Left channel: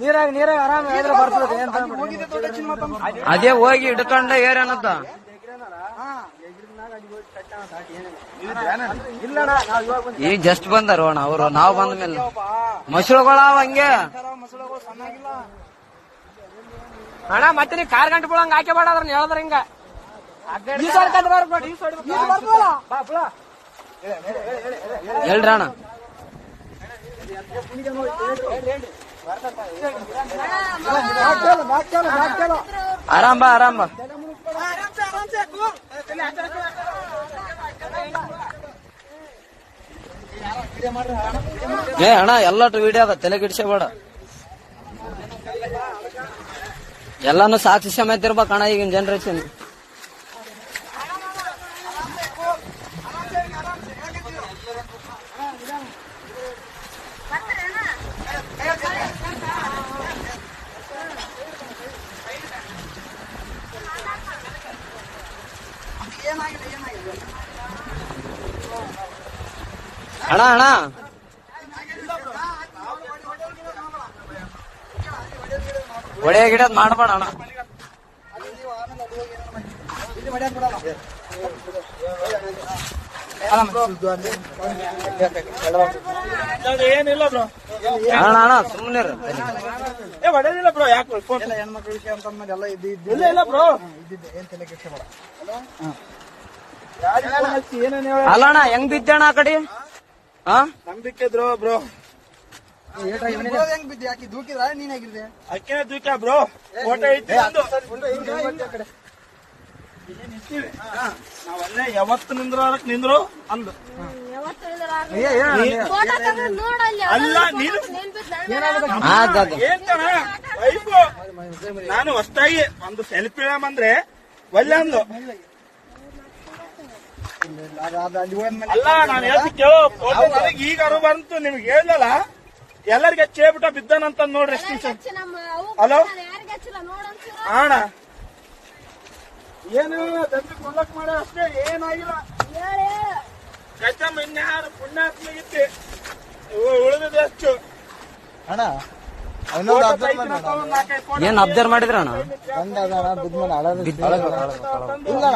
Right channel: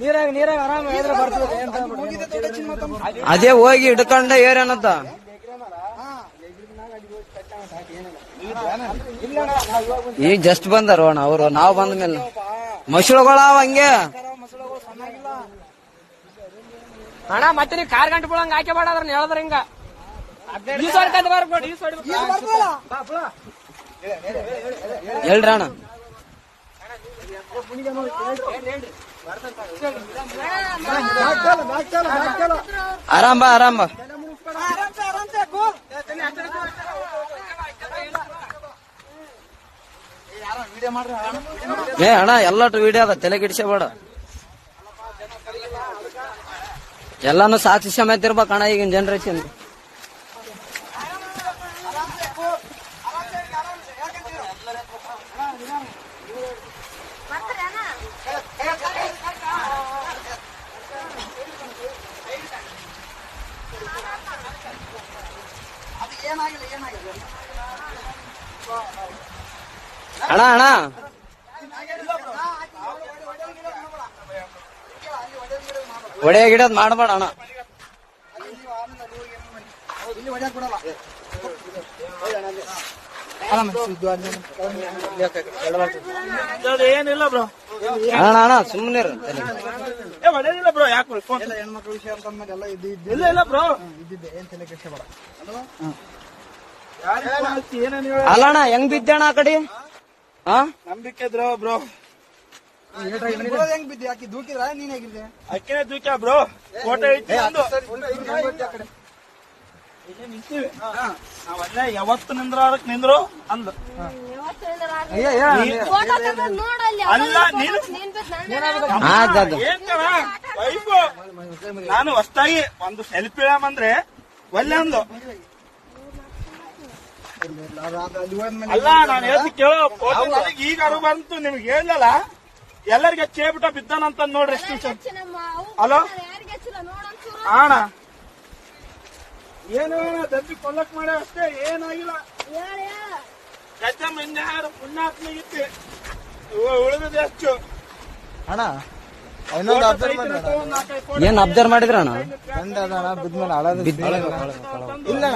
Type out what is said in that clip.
ನೀರಾಗ ಆರಾಮ ಅದೇ ಹೋಗಿ ಹಿಡ್ಕೊಂಡ ಏರೇನತ್ತ ಈಗ ಜಸ್ಟ್ ಬಂದಾರ ಅವರು ನಾವ್ ಬಂದ ಮೇಲೆ ಮಸಳುಗಳಾವ ಹಂಗೆ ಅಣ್ಣ ಮತ್ತೆ ನೀ ಕಾರ್ ಗಂಟೆ ಬಿಡಂಗ ಹಾಕಿ ಬೇಡ ಅದ್ರ ಹೇಳಿದ್ರ ಹಿಂಗ ಹೇಳ್ರಣ ಆರಾಮ್ ಬಾ ಆರಾಮ್ ಬಾ ಏ ಅಣ್ಣ ಎಲ್ಲಟು ವಿಡಿಯೋ ಅದ ತಲೆ ಗಿಡ್ಸಬೇಡ ಎಲ್ಲಾನು ಸಾಕ್ಷಿ ಸಮೇತ ಇರ್ಬೇಕಣ್ಣ ಈಗಿನ ಜನರೇಷನ್ ಅಣ್ಣ ಅಣ್ಣ ಒಡೆ ಗಿಡದ್ ಮಾಡಬೇಡ ಅಣ್ಣ ಏನಿಲ್ಲ ಬ್ರೋ ಅಣ್ಣ ಅಣ್ಣ ಸುಮ್ಮನೆ ಹೊಡೆದಿಲ್ಲ ಬ್ರೋ ಯಾಕೆ ಹೆಣ್ಮಕ್ಳ ವಿಷಯ ಅಂತ ಎಲ್ಲ ಇಲ್ಲ ಬ್ರೋ ಇದ್ದಿದ್ದೆ ಏನ್ ತಲೆ ಕೆಡ್ಸಬೇಡ ಅಲ್ಲ ಅಣ್ಣ ಹೆಂಗ್ ಬಿದ್ದಣ್ಣ ಆ ಕಡೆ ನಂಬಿಕೆ ಇದ್ರು ಬ್ರೋ ಹೆಂಗ್ ಬಿದ್ದಿ ಆಕಿ ದೂಕಿದ್ರ ನೀನ್ ಆಗಿದ್ರೆ ಅಕ್ಕೇ ದೂಕ ಬ್ರೋ ಫೋಟೋ ಯಾವತ್ತು ನಿಂದ್ರು ಅಂದು ನಾನು ಹೊಸ್ತಾಗಿ ಒಂದು ಸೆಲ್ಫಿ ಇಡಮಂದ್ರೆ ಒಳ್ಳೆ ಅಂದು ಅಲ್ಲ ನಾನು ಕೇಳೋ ಈಗ ಅರು ಬಂತು ನಿಮ್ಗೆ ಹೇಳಲ್ಲ ಎಲ್ಲರಿಗೂ ಹೆಚ್ಚೇಬಿಟ್ಟ ಬಿದ್ದಾನಂತ ನೋಡ್ರಿ ಹಲೋ ಅಣ್ಣ ಏನು ದಬ್ಬಿ ಕೊಲ್ಲಕ್ ಮಾಡ ಅಷ್ಟೇ ಏನಾಗಿಲ್ಲ ಕಚ್ಚಮ್ಮ ಇನ್ಯಾರು ಪುಣ್ಯಾತ್ಮಿಗಿತ್ತು ಉಳಿದಿದೆ ಅಷ್ಟು ಅಣ್ಣ ಏನ್ ಅಬ್ಸರ್ವ್ ಮಾಡಿದ್ರ ಅಣ್ಣ ಇಲ್ಲ